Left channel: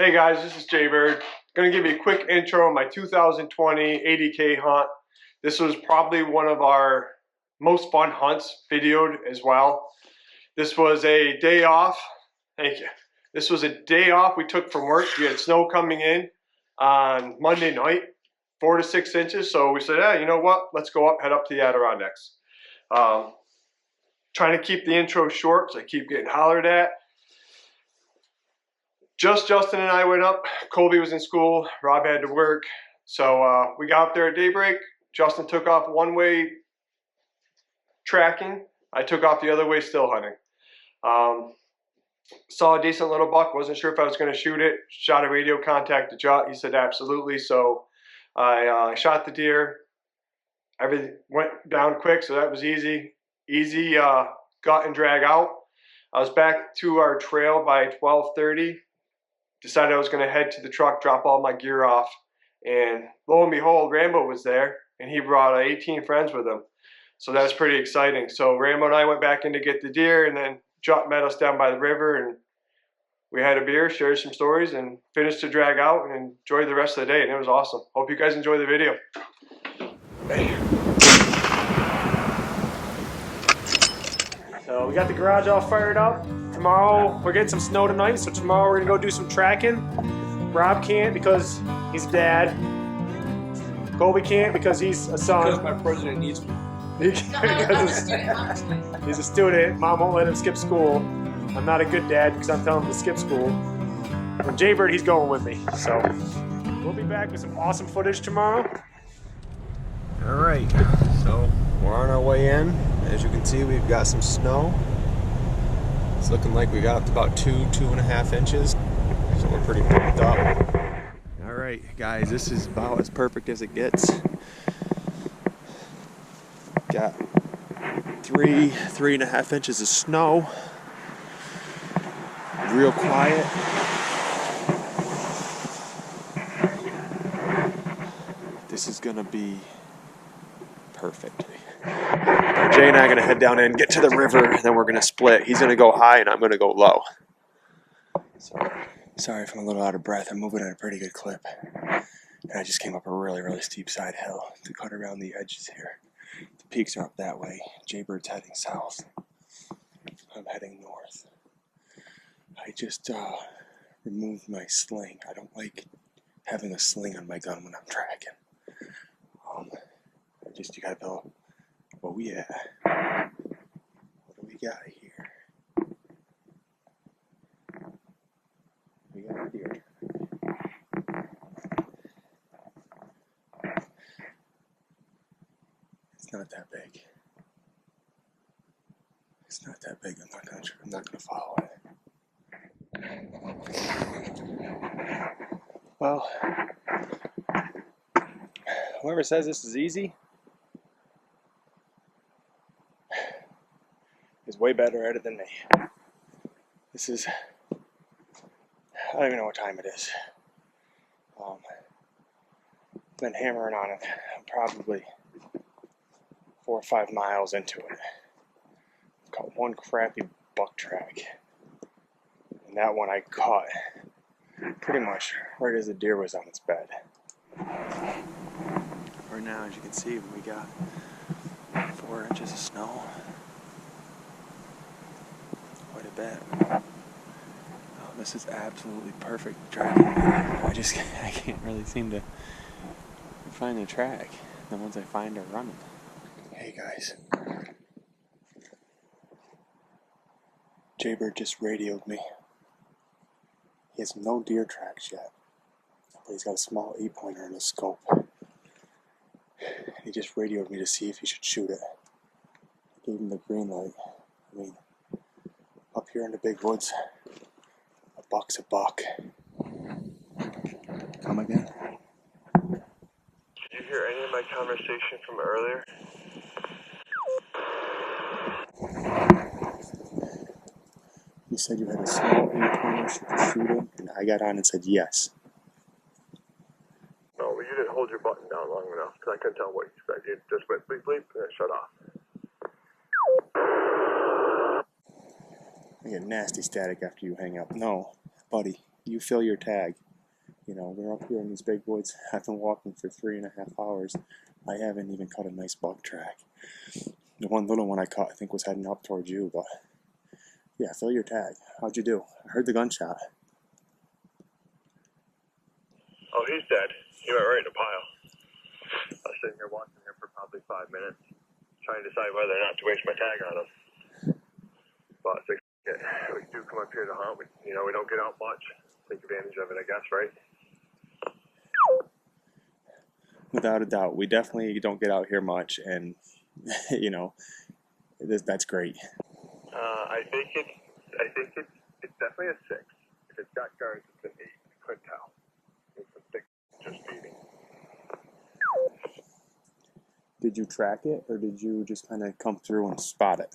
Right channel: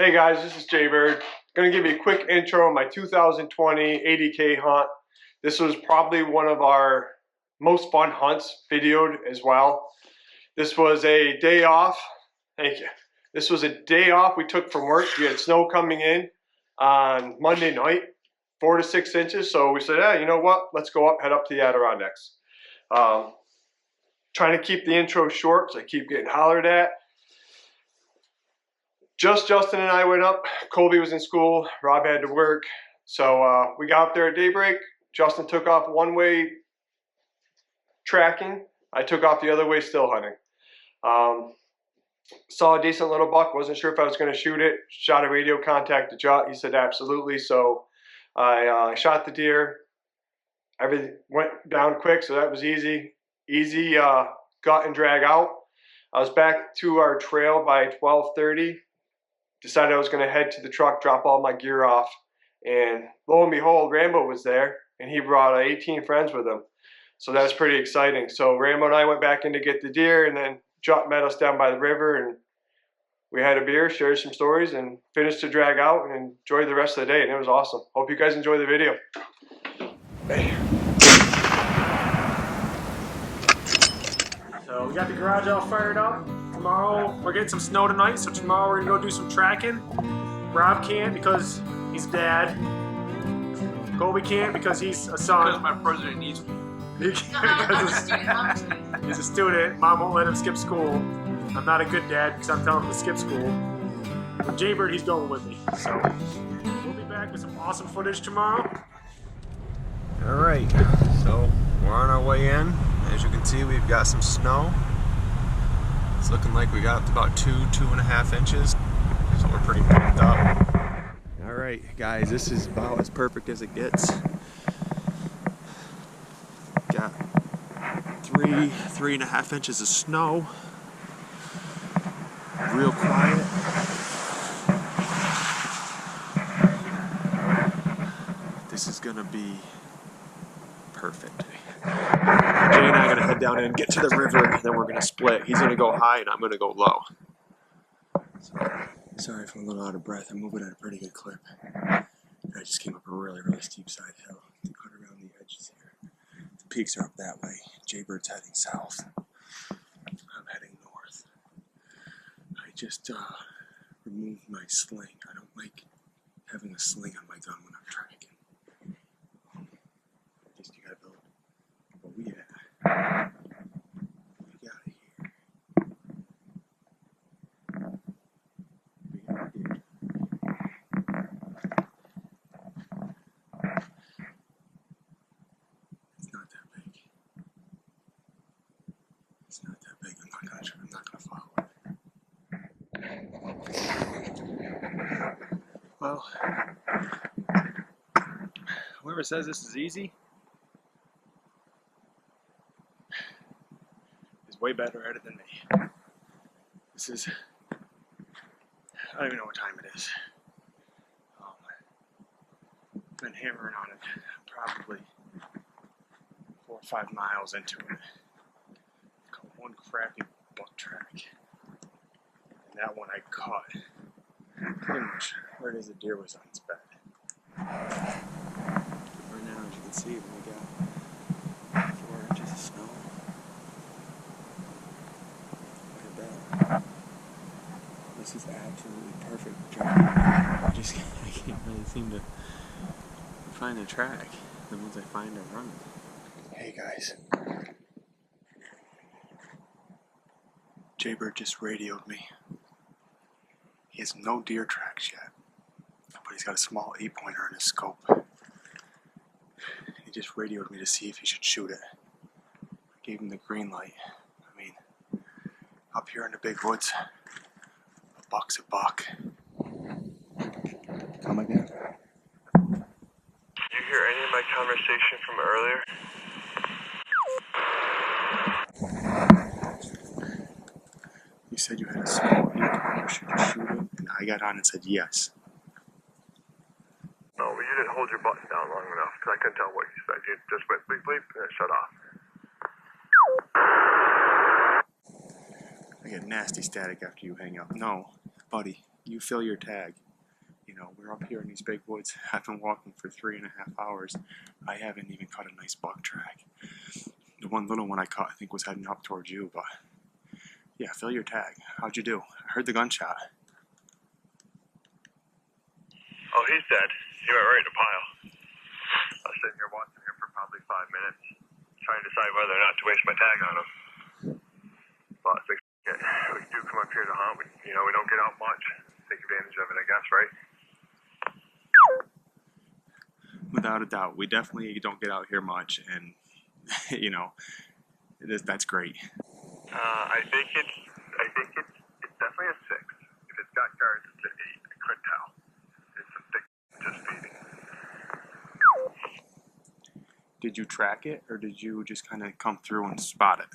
Hey guys, this is Jaybird. Gonna give you a quick intro on my 2020 ADK hunt. This was probably one of our most fun hunts videoed as well. This was a day off. Thank you. This was a day off we took from work. We had snow coming in on Monday night, 4 to 6 inches. So we said, hey, you know what? Let's go up, head up to the Adirondacks. Trying to keep the intro short, so I keep getting hollered at. Just Justin and I went up. Colby was in school. Rob had to work. So we got up there at daybreak. Justin took off one way tracking. I took off the other way still hunting. Saw a decent little buck. Wasn't sure if I was going to shoot it. Shot a radio contact to Jot. He said absolutely. So I shot the deer. Everything went down quick, so that was easy. Easy gut and drag out. I was back to our trail by 12:30. Decided I was going to head to the truck, drop all my gear off, and lo and behold, Rambo was there, and he brought 18 friends with him. So that's pretty exciting. So Rambo and I went back in to get the deer, and then Jot met us down by the river, and we had a beer, shared some stories, and finished to drag out and enjoyed the rest of the day, and it was awesome. Hope you guys enjoy the video. So we got the garage all fired up. Tomorrow, we're getting some snow tonight, so tomorrow we're gonna go do some tracking. Rob can't because he's a dad. Colby can't because he's a son. Because my president needs me. He's a student. Mom won't let him skip school. I'm not a good dad because I'm telling him to skip school. When Jaybird, he's going with me. So we'll be back with some awesome footage tomorrow. All right, so we're on our way in. As you can see, we've got some snow. It's looking like we got up to about 2.5 inches, so we're pretty pumped up. All right, guys, this is about as perfect as it gets. Got 3.5 inches of snow. Real quiet. This is gonna be perfect. Jay and I are gonna head down in, get to the river, and then we're gonna split. He's gonna go high and I'm gonna go low. So sorry if I'm a little out of breath. I'm moving at a pretty good clip. And I just came up a really, really steep side hill to cut around the edges here. The peaks are up that way. Jaybird's heading south. I'm heading north. I just removed my sling. I don't like having a sling on my gun when I'm tracking. You gotta go, what we at? What do we got here? We got a deer track. It's not that big. It's not that big. I'm not gonna follow it. Well, whoever says this is easy is way better at it than me. This is, I don't even know what time it is. Been hammering on it. I'm probably 4 or 5 miles into it. Caught one crappy buck track. And that one I caught pretty much right as the deer was on its bed. Right now, as you can see, we got 4 inches of snow. Quite a bit. Oh, this is absolutely perfect tracking. I can't really seem to find the track. The ones I find are running. Hey guys. Jaybird just radioed me. He has no deer tracks yet, but he's got a small 8-pointer in his scope. He just radioed me to see if he should shoot it. I gave him the green light. I mean, up here in the big woods, a buck's a buck. Come again? Did you hear any of my conversation from earlier? You said you had a small 8-pointer, should you shoot him? And I got on and said yes. No, but you didn't hold your button down long enough, because I couldn't tell what you said. You just went bleep bleep and it shut off. I get nasty static after you hang up. No, buddy, you fill your tag. You know, we're up here in these big woods. I've been walking for 3.5 hours. I haven't even caught a nice buck track. The one little one I caught, I think, was heading up towards you, but yeah, fill your tag. How'd you do? I heard the gunshot. Oh, he's dead. He went right in a pile. I was sitting here watching him for probably 5 minutes, trying to decide whether or not to waste my tag on him. But we do come up here to hunt. We don't get out much. Take advantage of it, I guess, right? Without a doubt, we definitely don't get out here much, and you know, that's great. I think it's definitely a 6. If it's got guards, it's an 8. I couldn't tell. It's a thick, just feeding. Did you track it, or did you just kind of come through and spot it?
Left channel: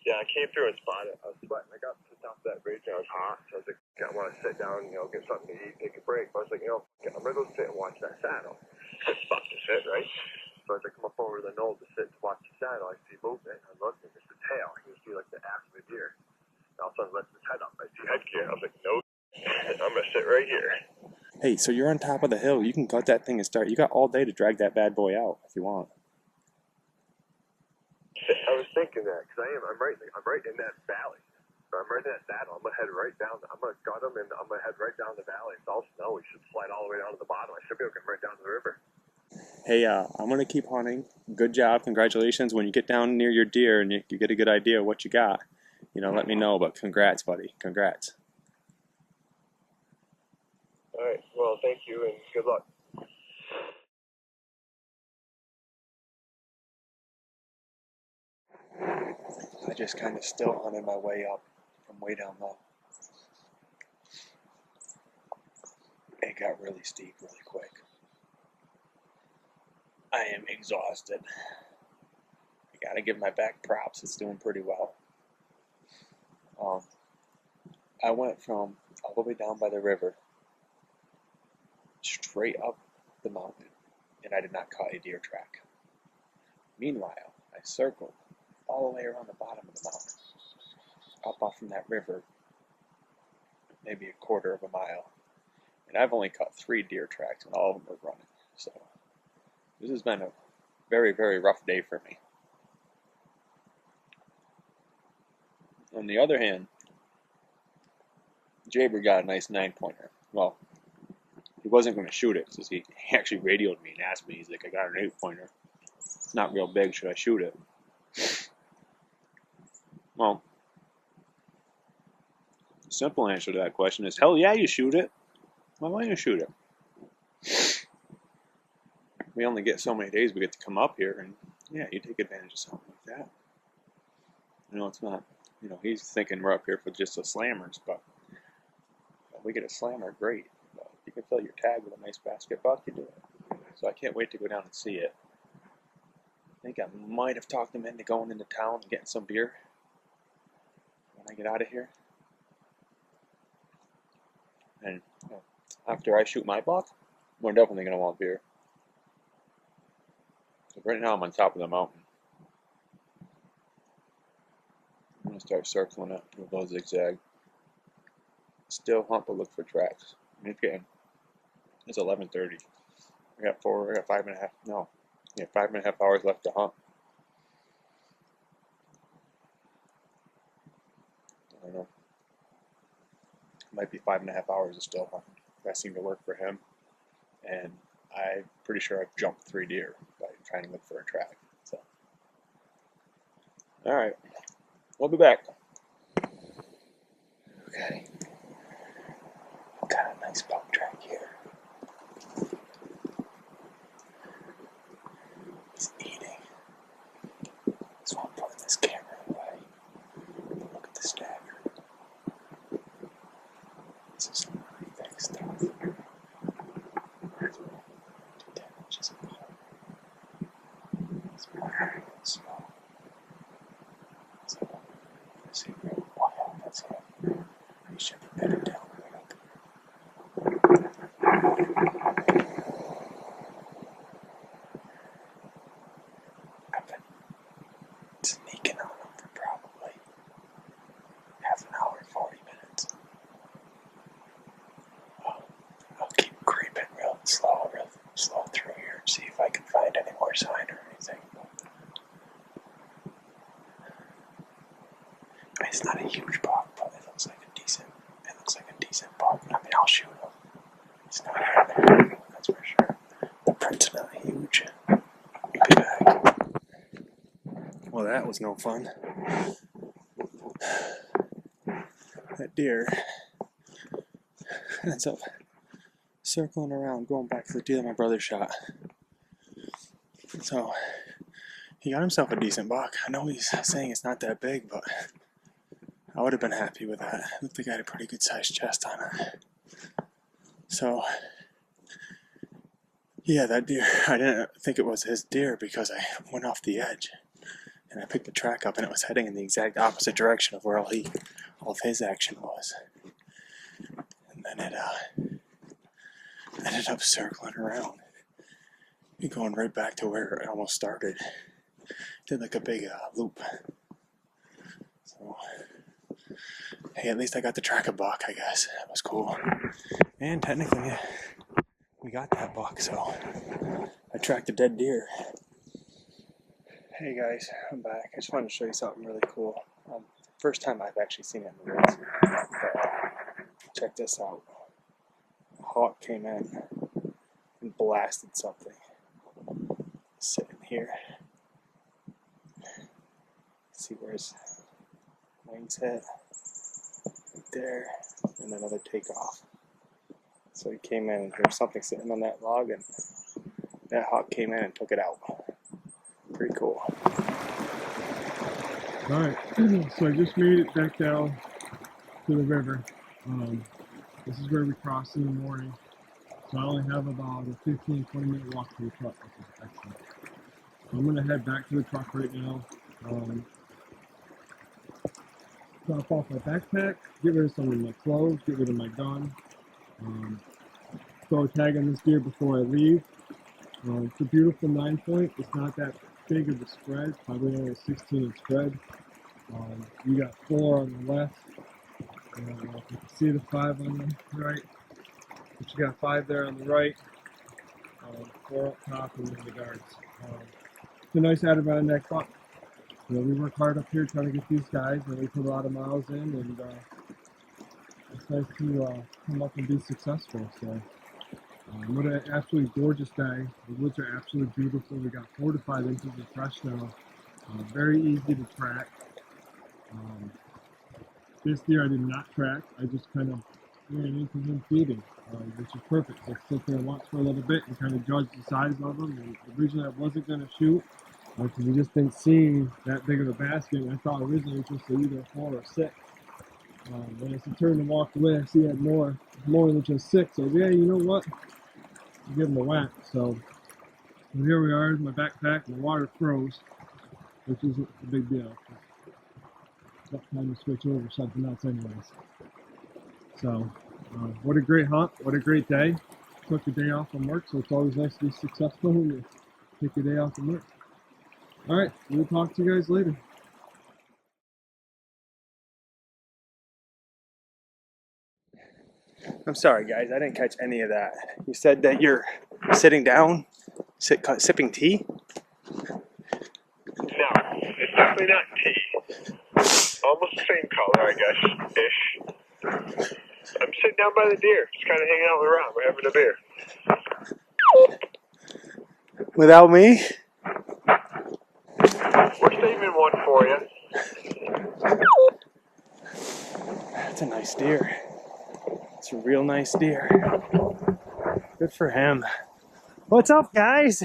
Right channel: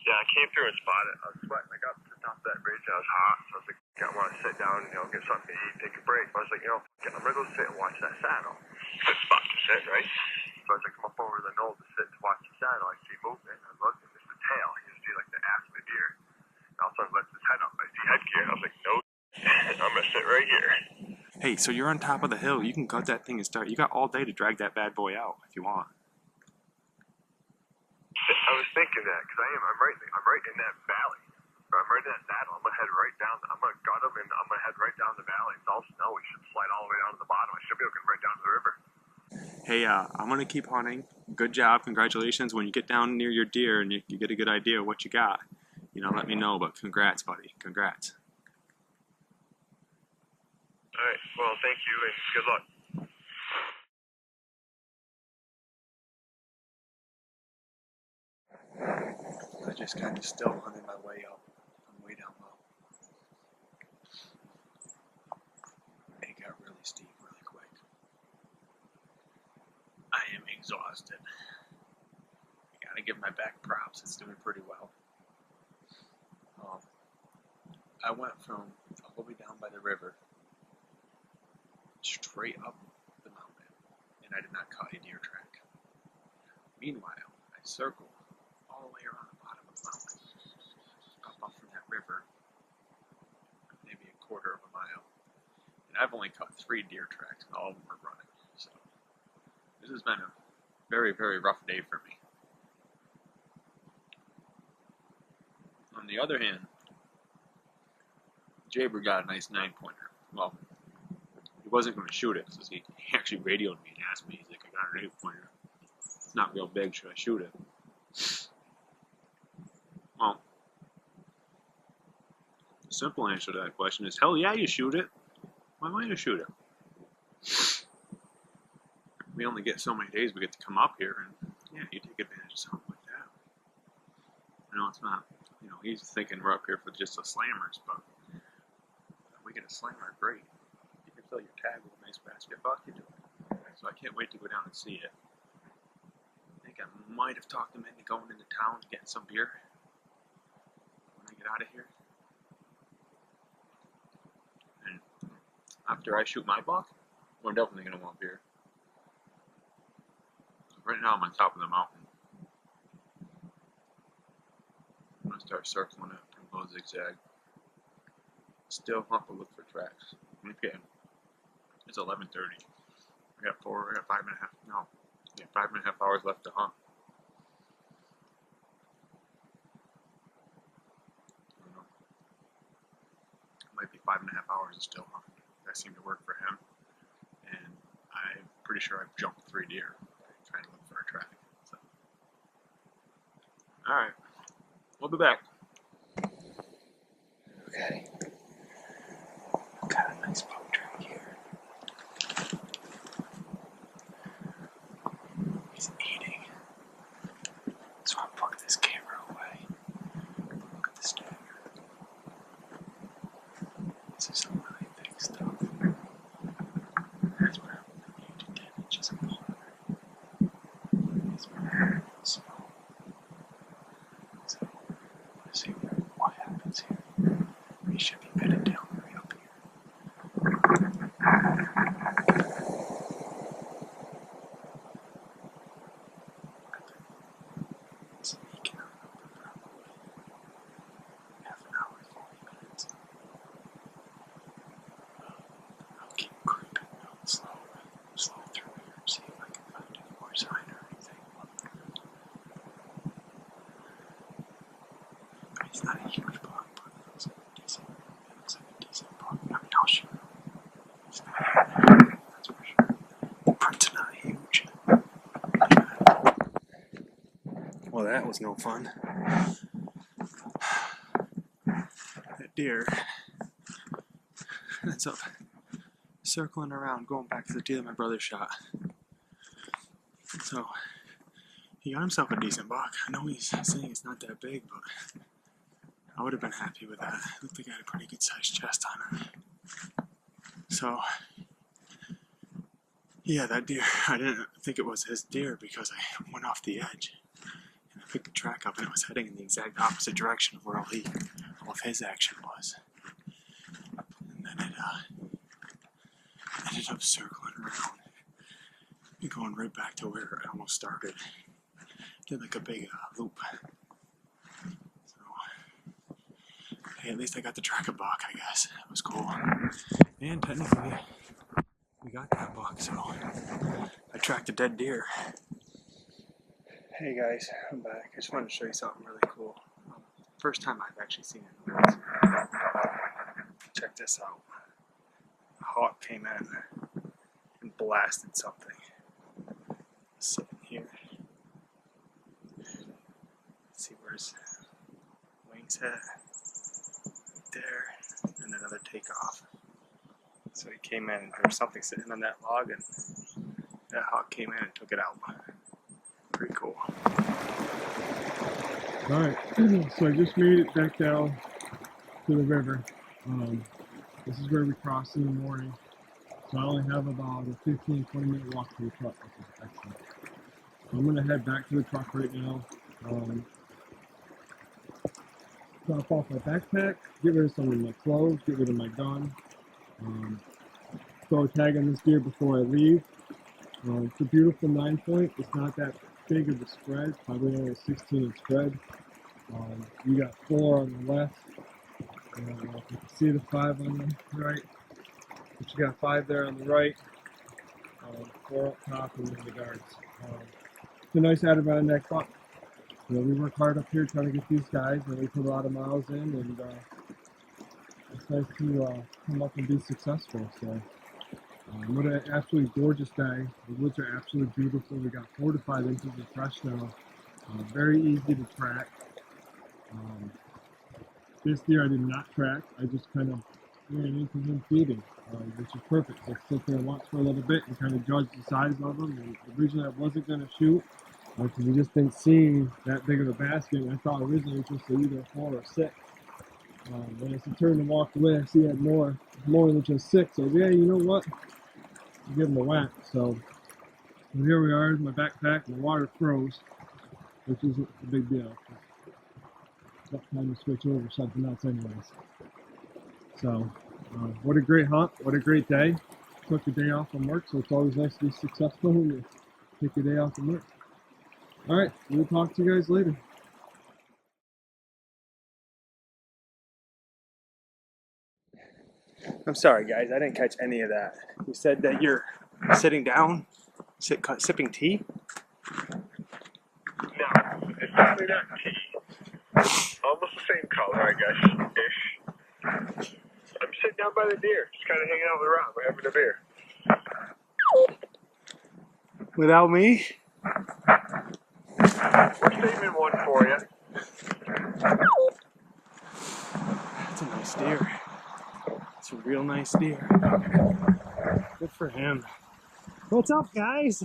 Yeah, I came through and spotted it. I was sweating. I got to the top of that ridge and I was hot, so I was like, I want to sit down and get something to eat, take a break. But I was like, I'm gonna go sit and watch that saddle. Good spot to sit, right? So as I come up over the knoll to sit to watch the saddle, I see movement. I look and there's the tail. You see like the ass of a deer. And all of a sudden lifts his head up. I see headgear. I was like, no, I'm gonna sit right here. Hey, so you're on top of the hill. You can cut that thing and start. You got all day to drag that bad boy out if you want. I was thinking that because I'm right in that valley. I'm right in that saddle. I'm gonna head right down. I'm gonna gut him and I'm gonna head right down the valley. It's all snow. We should slide all the way down to the bottom. I should be able to come right down to the river. Hey, I'm gonna keep hunting. Good job. Congratulations. When you get down near your deer and you get a good idea of what you got, let me know. But congrats, buddy. Congrats. All right. Well, thank you and good luck. I just kind of still hunted my way up from way down low. It got really steep really quick. I am exhausted. I gotta give my back props. It's doing pretty well. I went from all the way down by the river straight up the mountain, and I did not cut a deer track. Meanwhile, I circled all the way around the bottom of the mountain, up off from that river, maybe a quarter of a mile. And I've only cut 3 deer tracks, and all of them are running. So this has been a very, very rough day for me. On the other hand, Jaber got a nice 9-pointer. Well, he wasn't going to shoot it, so he actually radioed me and asked me, he's like, I got an 8-pointer. It's not real big, should I shoot it? Well, the simple answer to that question is, hell yeah, you shoot it. Why don't you shoot it? We only get so many days we get to come up here, and yeah, you take advantage of something like that. It's not, he's thinking we're up here for just the slammers, but if we get a slammer, great. But if you can fill your tag with a nice basket buck, you do it. So I can't wait to go down and see it. I think I might have talked him into going into town and getting some beer when I get out of here. And after I shoot my buck, we're definitely going to want beer. So right now I'm on top of the mountain. I'm going to start circling it with a little zigzag. Still hunt, but look for tracks. It's 11:30. I got 5.5 hours left to hunt. I don't know. Might be 5.5 hours of still hunting. That seemed to work for him. And I'm pretty sure I've jumped 3 deer by trying to look for a track. So, all right. We'll be back. Okay. I've got a nice buck track here. He's eating. So I'm putting this camera away. But look at the stagger. This is some really thick stuff. It's probably 8 to 10 inches apart. He's moving real slow. So, let's see what happens here. He should be bedded down right up here. I've been sneaking on him for probably half an hour, 40 minutes. buck. I mean, I'll shoot him. It's not here. That's for sure. The print's not huge. Be back. Well, that was no fun. That deer ends up circling around, going back to the deer my brother shot. So he got himself a decent buck. I know he's saying it's not that big, but I would have been happy with that. It looked like I had a pretty good sized chest on it. So yeah, that deer, I didn't think it was his deer because I went off the edge and I picked the track up and it was heading in the exact opposite direction of where all of his action was. And then it ended up circling around and going right back to where it almost started. Did like a big loop. So, hey, at least I got to track a buck, I guess. That was cool. And technically, we got that buck, so I tracked a dead deer. Hey guys, I'm back. I just wanted to show you something really cool. First time I've actually seen it in the woods. But check this out. A hawk came in and blasted something. Sitting here. See where his wings hit? Right there. And another takeoff. So he came in and there was something sitting on that log and that hawk came in and took it out. Pretty cool. Alright, so I just made it back down to the river. This is where we cross in the morning. So I only have about a 15-20 minute walk to the truck, which is excellent. So I'm going to head back to the truck right now. Drop off my backpack, get rid of some of my clothes, get rid of my gun. Throw a tag on this deer before I leave. It's a beautiful 9-point. It's not that big of a spread, probably only a 16-inch spread. You got 4 on the left. You can see the 5 on the right. But you got 5 there on the right. 4 up top and then the guards. It's a nice Adirondack buck. You know, we work hard up here trying to get these guys, and we put a lot of miles in, and it's nice to come up and be successful. So, what an absolutely gorgeous day. The woods are absolutely beautiful. We got 4 to 5 inches of fresh snow. Very easy to track. This deer I did not track. I just kind of ran into him feeding, which is perfect. So sit there and watch for a little bit and kind of judge the size of them. And the reason I wasn't going to shoot because we just didn't see that big of a basket. I thought originally it was just either 4 or 6. When I turned and walked away, I see I had more than just 6. So yeah, you know what? I'll give him a whack. So here we are. My backpack, my water froze, which isn't a big deal. It's not time to switch over something else, anyways. So what a great hunt! What a great day! Took a day off from work, so it's always nice to be successful when you take a day off from work. All right, we'll talk to you guys later. I'm sorry, guys. I didn't catch any of that. You said that you're sitting down, sipping tea? No, it's definitely not tea. Almost the same color, I guess, ish. I'm sitting down by the deer, just kind of hanging out around. We're having a beer. Without me? We're saving one for you. That's a nice deer. It's a real nice deer. Good for him. What's up, guys?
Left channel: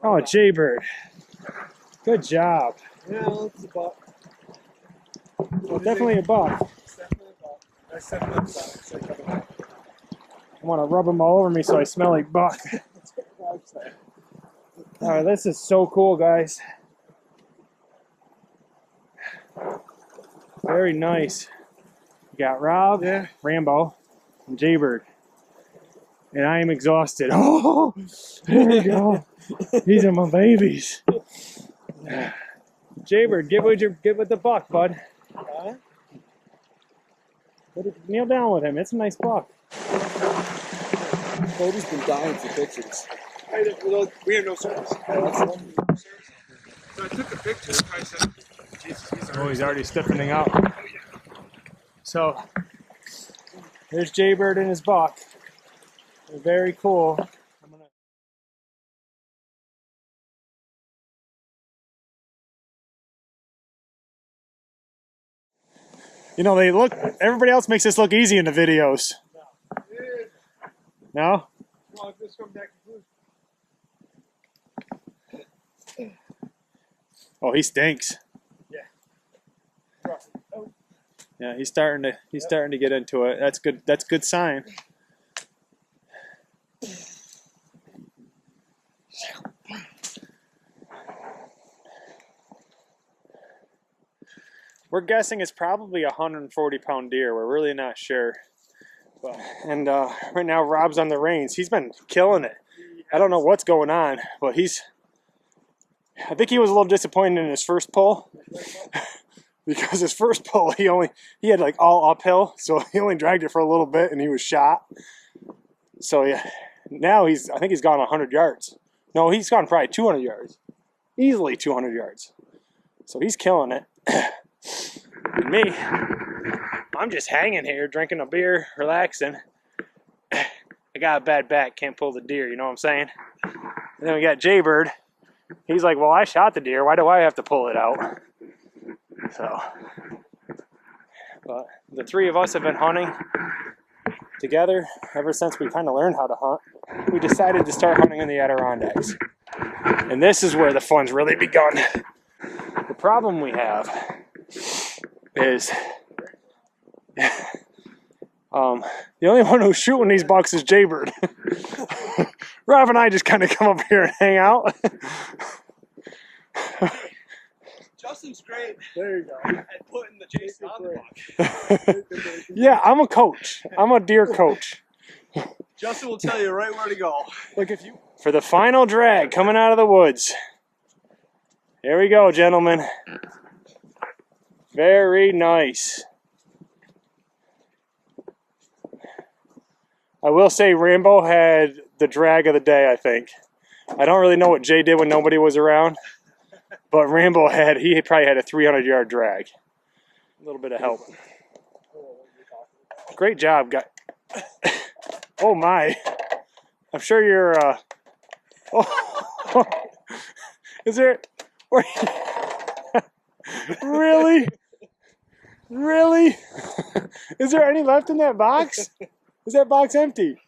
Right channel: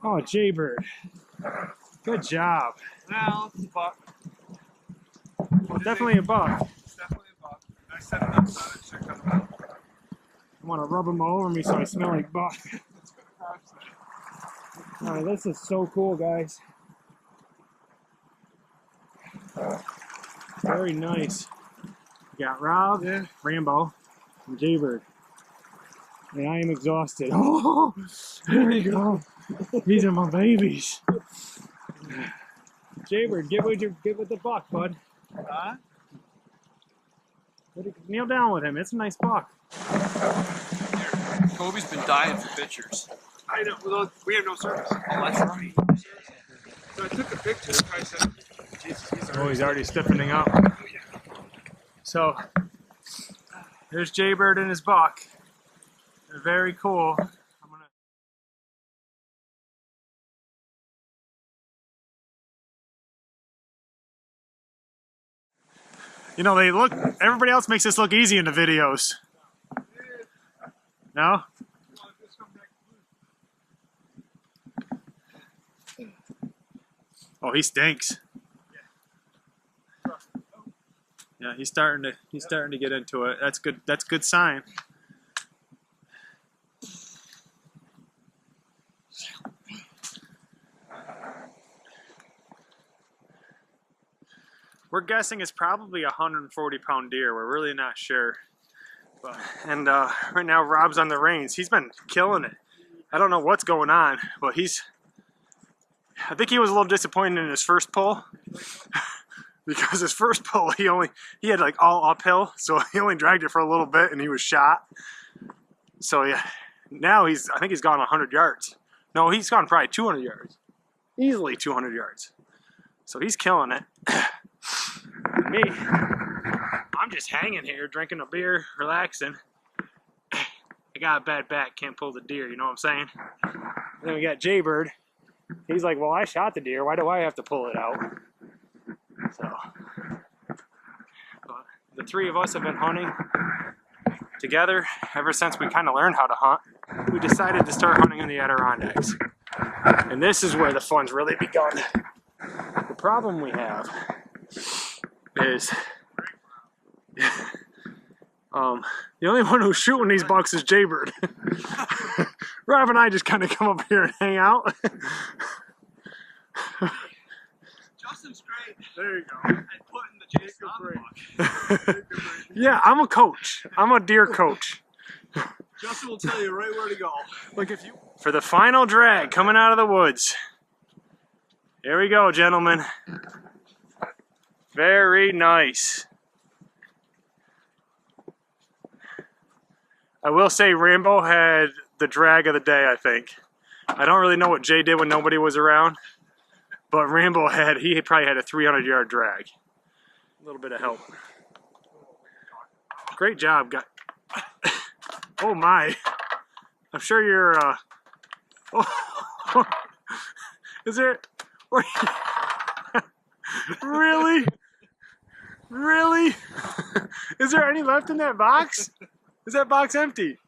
Oh, Jaybird. Good job. Well, it's a buck. Well, definitely a buck. It's definitely a buck. I set it up so I should cut him out. I want to rub them all over me so I smell like buck. That's what I'm saying. All right, this is so cool, guys. Very nice. We got Rob, Rambo, and Jaybird. And I am exhausted. Oh, there we go. These are my babies. Jaybird, get with the buck, bud. Huh? Kneel down with him. It's a nice buck. Kobe's been dying for pictures. I know. Well, we have no service. Oh, that's right. So I took a picture. I said, Jesus, He's already stiffening up. So there's Jaybird and his buck. They're very cool. I'm gonna. You know, they look. Everybody else makes this look easy in the videos. No? Well, this comes back to Oh, he stinks. Yeah. Oh. Yeah, he's starting to get into it. That's good. That's a good sign. We're guessing it's probably a 140-pound deer. We're really not sure. But right now Rob's on the reins. He's been killing it. I don't know what's going on, but I think he was a little disappointed in his first pull. Because his first pull he had like all uphill, so he only dragged it for a little bit and he was shot. So yeah, now I think he's gone 100 yards. No, he's gone probably 200 yards. Easily 200 yards. So he's killing it. And me, I'm just hanging here, drinking a beer, relaxing. I got a bad back, can't pull the deer, you know what I'm saying? And then we got Jaybird. He's like, well, I shot the deer, why do I have to pull it out? So, but the three of us have been hunting together ever since we kind of learned how to hunt. We decided to start hunting in the Adirondacks. And this is where the fun's really begun. The problem we have is the only one who's shooting these bucks is Jaybird. Rob and I just kind of come up here and hang out. Justin's great There you go. at putting the chase on the buck. Yeah, I'm a coach. I'm a deer coach. Justin will tell you right where to go. Like if you for the final drag coming out of the woods. Here we go, gentlemen. Very nice. I will say Rambo had the drag of the day, I think. I don't really know what Jay did when nobody was around, but Rambo he probably had a 300-yard drag. A little bit of help. Great job, guy. Oh my. I'm sure you're oh. Is there really? Really? Is there any left in that box? Is that box empty?